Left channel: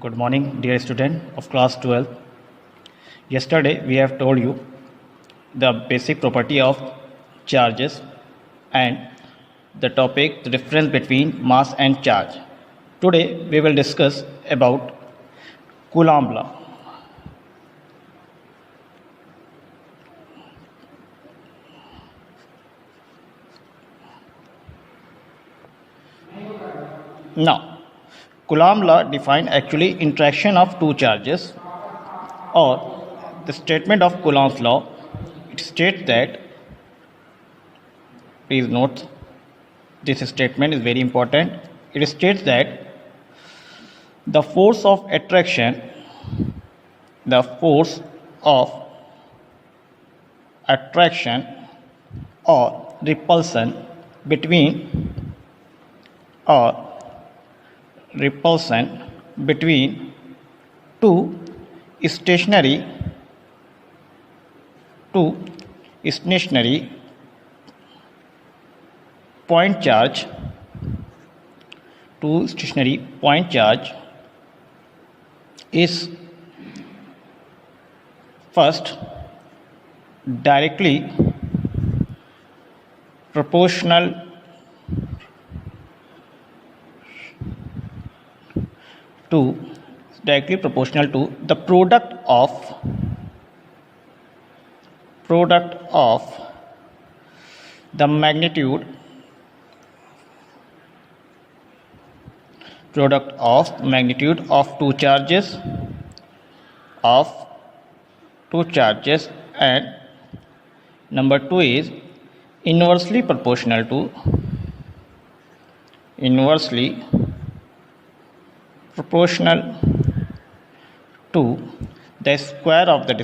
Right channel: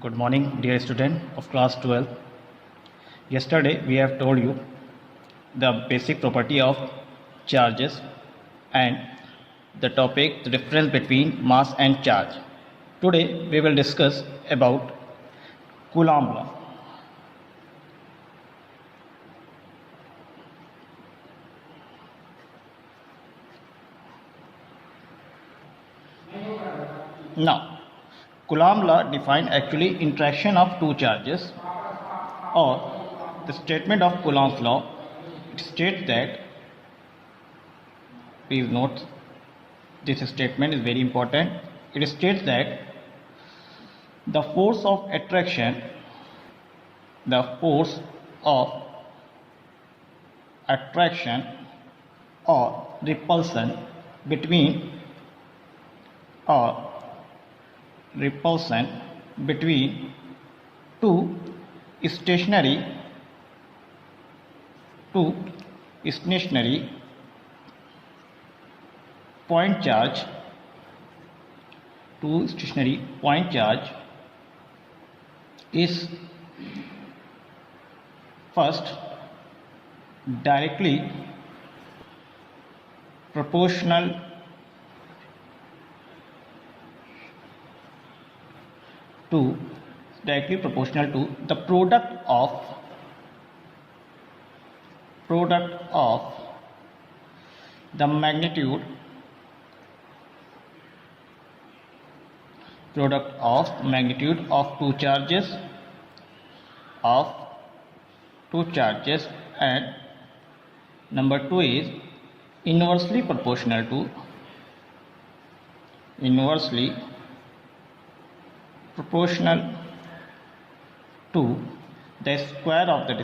Good morning, dear student of class 12. Yesterday we have told you the basic property of charges and the topic the difference between mass and charge. Today we will discuss about Coulomb law. Now, Coulomb law defines actually interaction of two charges, or the statement of Coulomb's law. It states that, please note, this statement is very important. It states that the force of attraction or repulsion between two stationary point charge is first directly proportional to the product of the magnitude of two charges and number 2 is inversely proportional to the square of the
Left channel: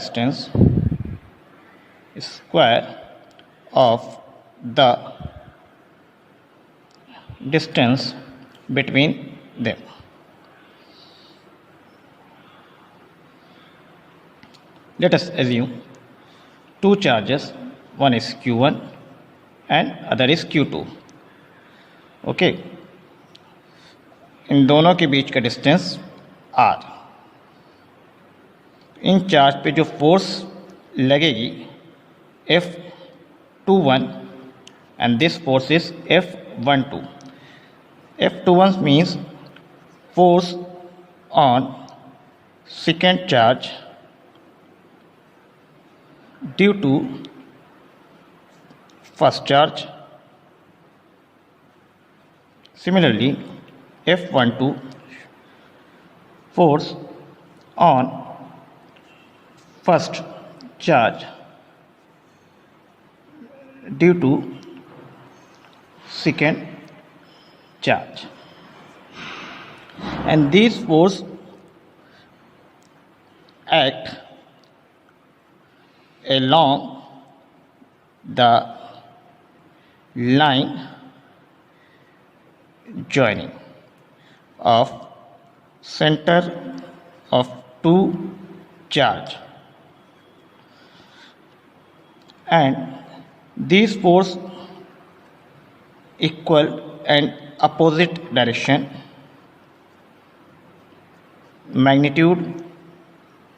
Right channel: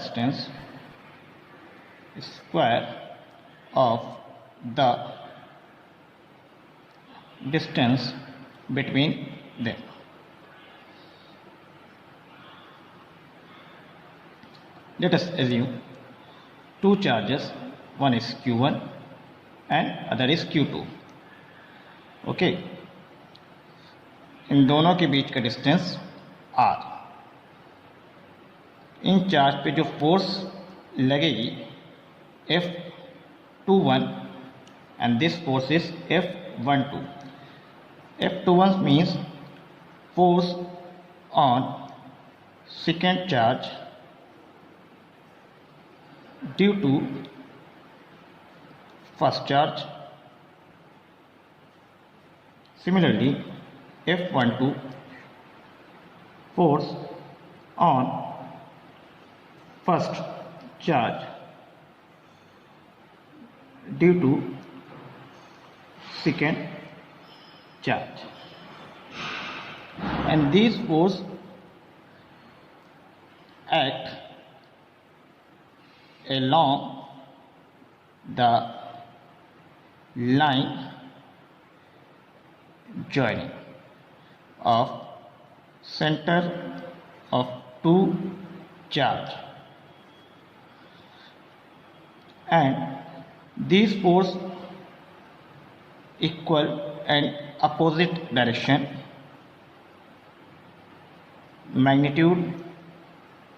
distance between them. Let us assume two charges, one is Q1 and other is Q2. Okay, इन दोनों के बीच का distance R. In charge पे जो force लगेगी F21 and this force is F12. F21 means force on second charge due to first charge. Similarly, F12 force on first charge due to second charge, and these force act along the line joining of center of two charge, and these force equal and opposite direction. Magnitude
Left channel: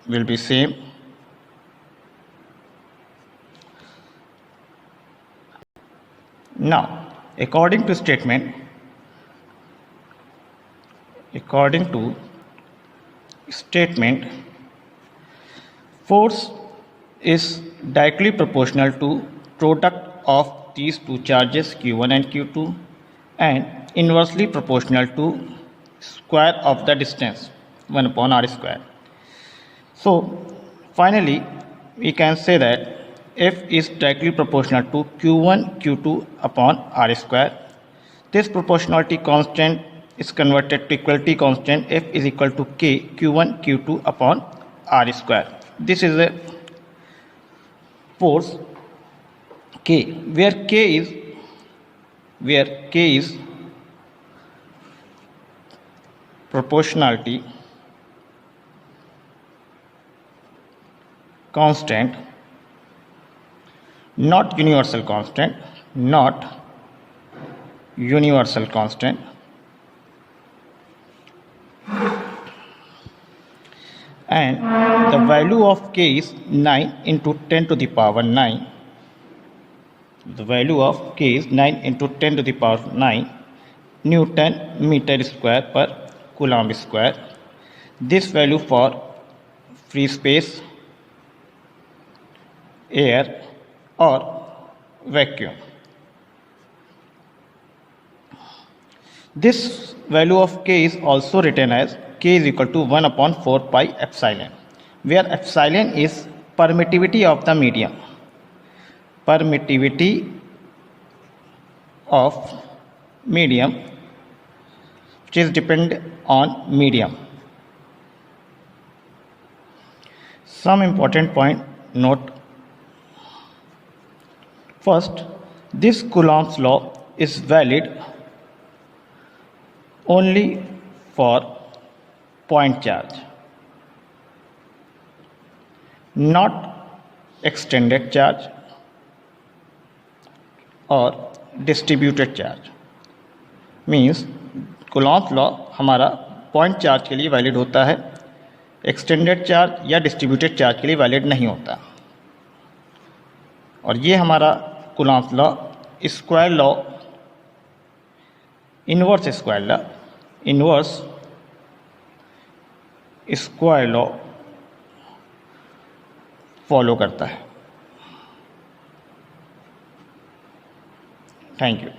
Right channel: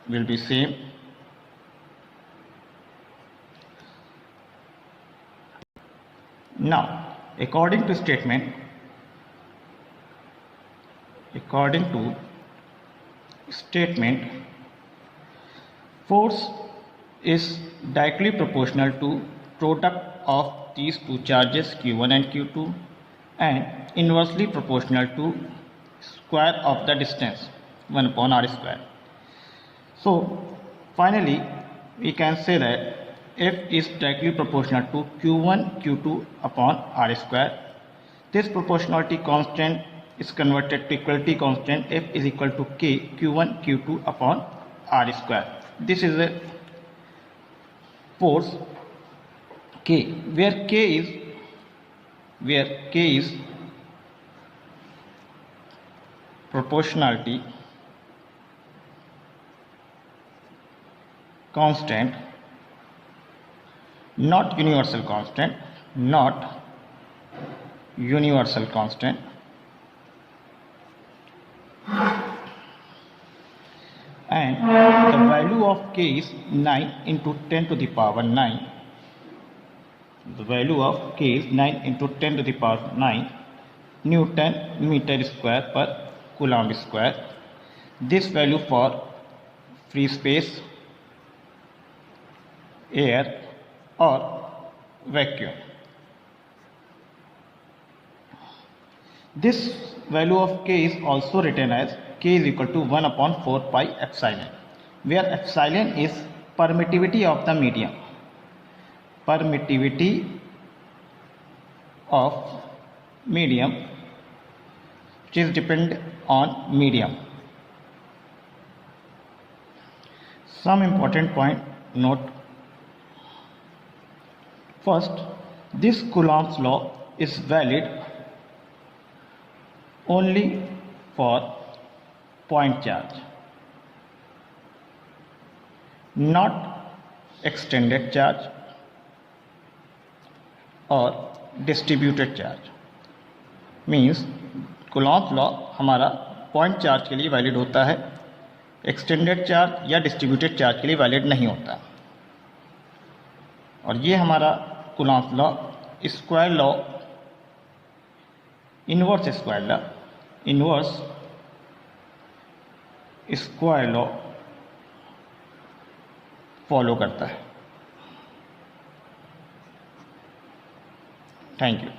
will be same. Now, according to statement, force is directly proportional to product of these two charges Q1 and Q2 and inversely proportional to square of the distance 1 upon R square. So finally we can say that F is directly proportional to Q1 Q2 upon R square. This proportionality constant is converted to equality constant. F is equal to K Q1 Q2 upon R square. This is a force K, where K is proportionality constant, not universal constant, and the value of k is 9 into 10 to the power 9. The value of k is 9 into 10 to the power 9 Newton meter square per Coulomb square. This value for free space, air or vacuum. This value of k is also written as k is equal to 1 upon 4 pi epsilon, where epsilon is permittivity of the medium. Permittivity of medium, which is depend on medium. Some important point note. First, this Coulomb's law is valid only for point charge, not extended charge or distributed charge. Means Coulomb's law हमारा point charge के लिए valid होता है, extended charge या distributed charge के लिए valid नहीं होता. और ये हमारा Coulomb's law square law, inverse square law, inverse square law follow करता है. Thank you.